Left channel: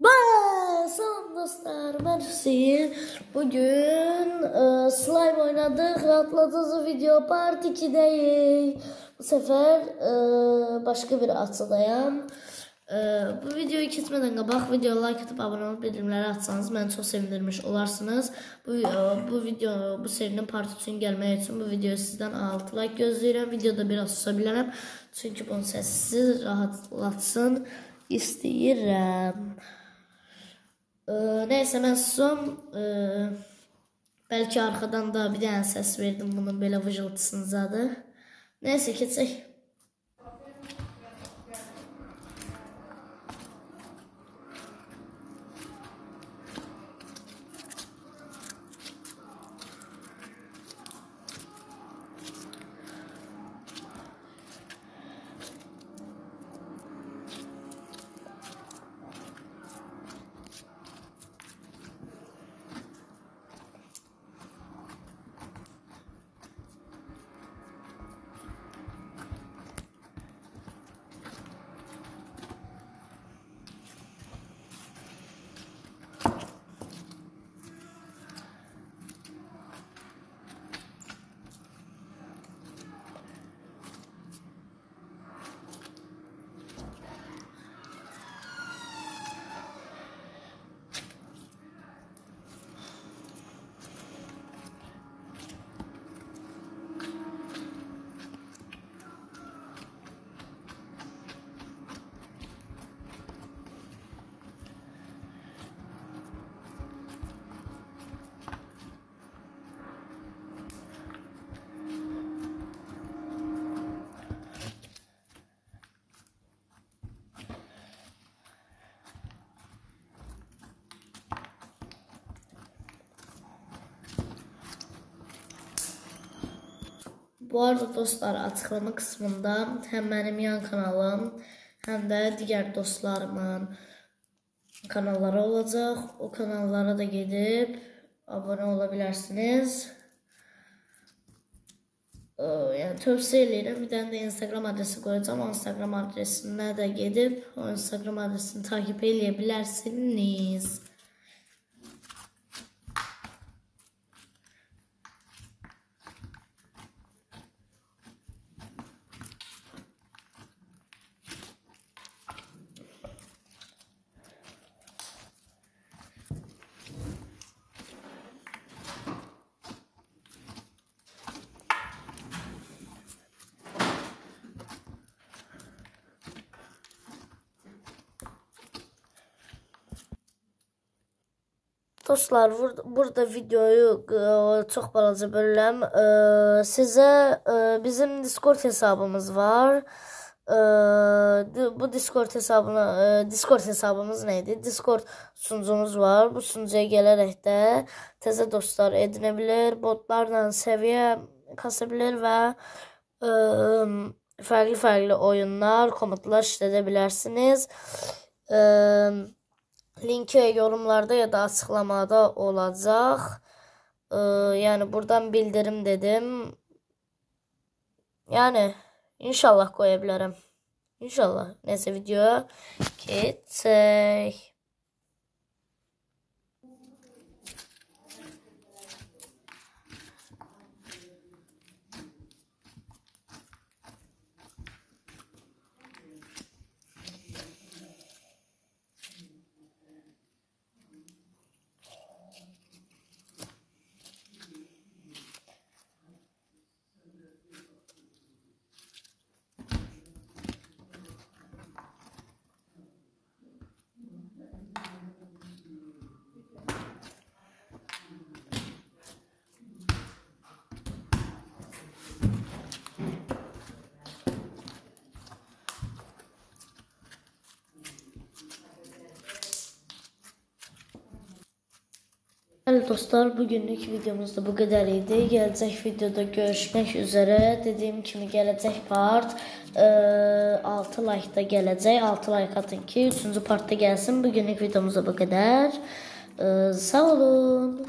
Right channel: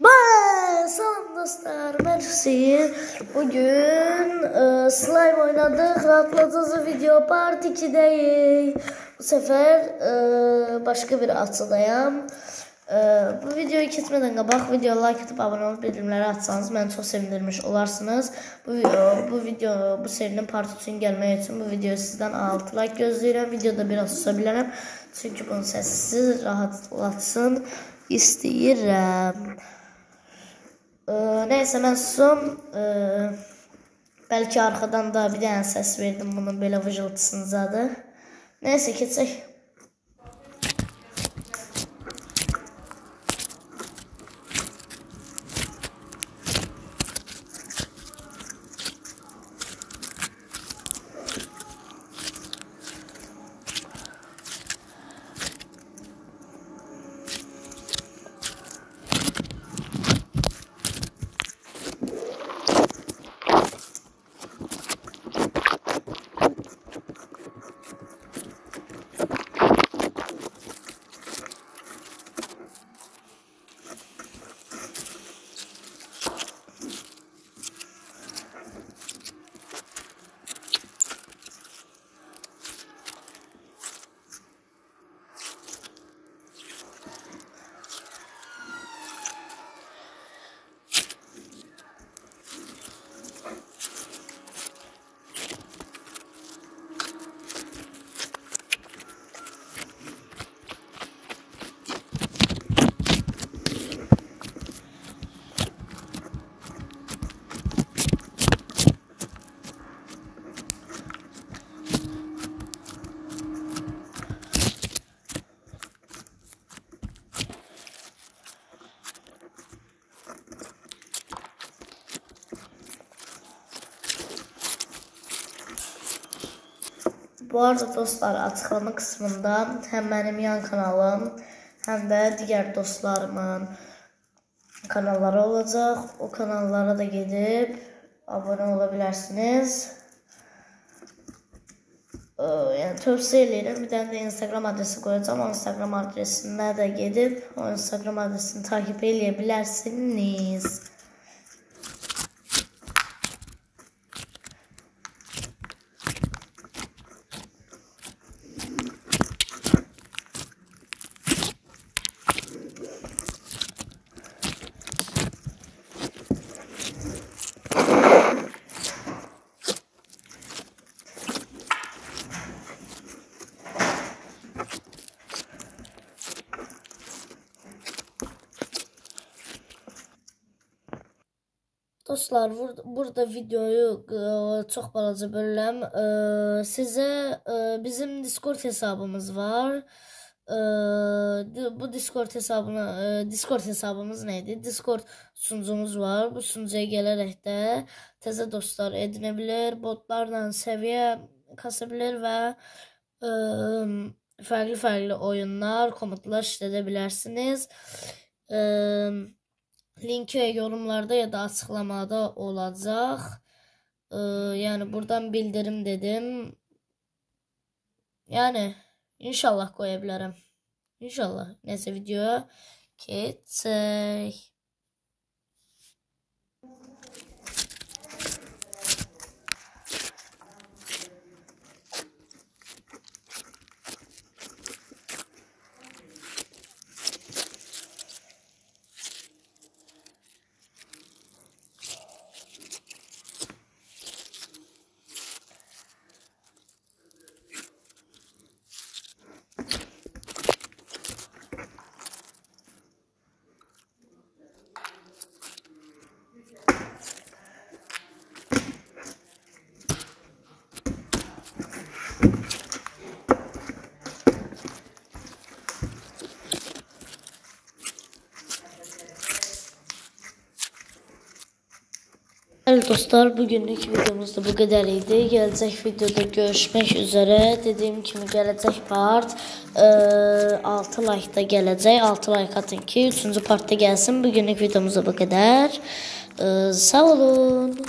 Salam dostlar, ben Hüseyin. Bugün slime oynadık. Rahatlatıcı video part 2'deyiz. Bu sefer başka bir açıdayım. Bu videoyu kesmeden qabaq videoya like atıp abone olup bildirimleri atsanız beni çok sevindirmiş olarsınız. Bu serinin part 3'ün gelmək üçün bu videoyu sizden 6 like gözləyirəm. Videoda biraz susabilirim. Çünkü bunun sessiz rahatlatsın istəyirəm. Neyse ben susum. Belki arkadan da bir tane ses verdim bunun böyle vıcıltısınızadır. Neyse keçək. Bu arada dostlar, açıklama kısmında hem benim yan kanalım hem de diğer dostlarımın kanalları olacak. O kanallara da gidip abone olabilirsiniz. Yani tövsiye ederim. Bir tane de Instagram adresi koyacağım. O Instagram adresine de gidip o Instagram adresini takip edebilirsiniz. Dostlar, burada videoyu çok balaca bölürəm. Sizə bizim Discord hesabımız var. Bu Discord hesabımız neydi? Discord sunucumuz var. Bu sunucuya gələrək də təzə dostlar edinə bilir, botlarla səviyyə kasabilir və farklı oyunlar, komutlar işlədə bilərsiniz. Linki yorumlarda ya da açıklamada olacak. Yani buradan bildirim dedim. Yani inşallah koyabilirim. İnşallah. Neyse videoya geçelim. Evet dostlar, bugünlük videomuz da bu kadar idi. Gelecek videoda görüşmek üzere. Dediğim kimi gelecek part 6 like'da gelecek. 6 like atın ki 3. partta gelsin. Bugünlük videomuz da bu kadar. Sağ olun.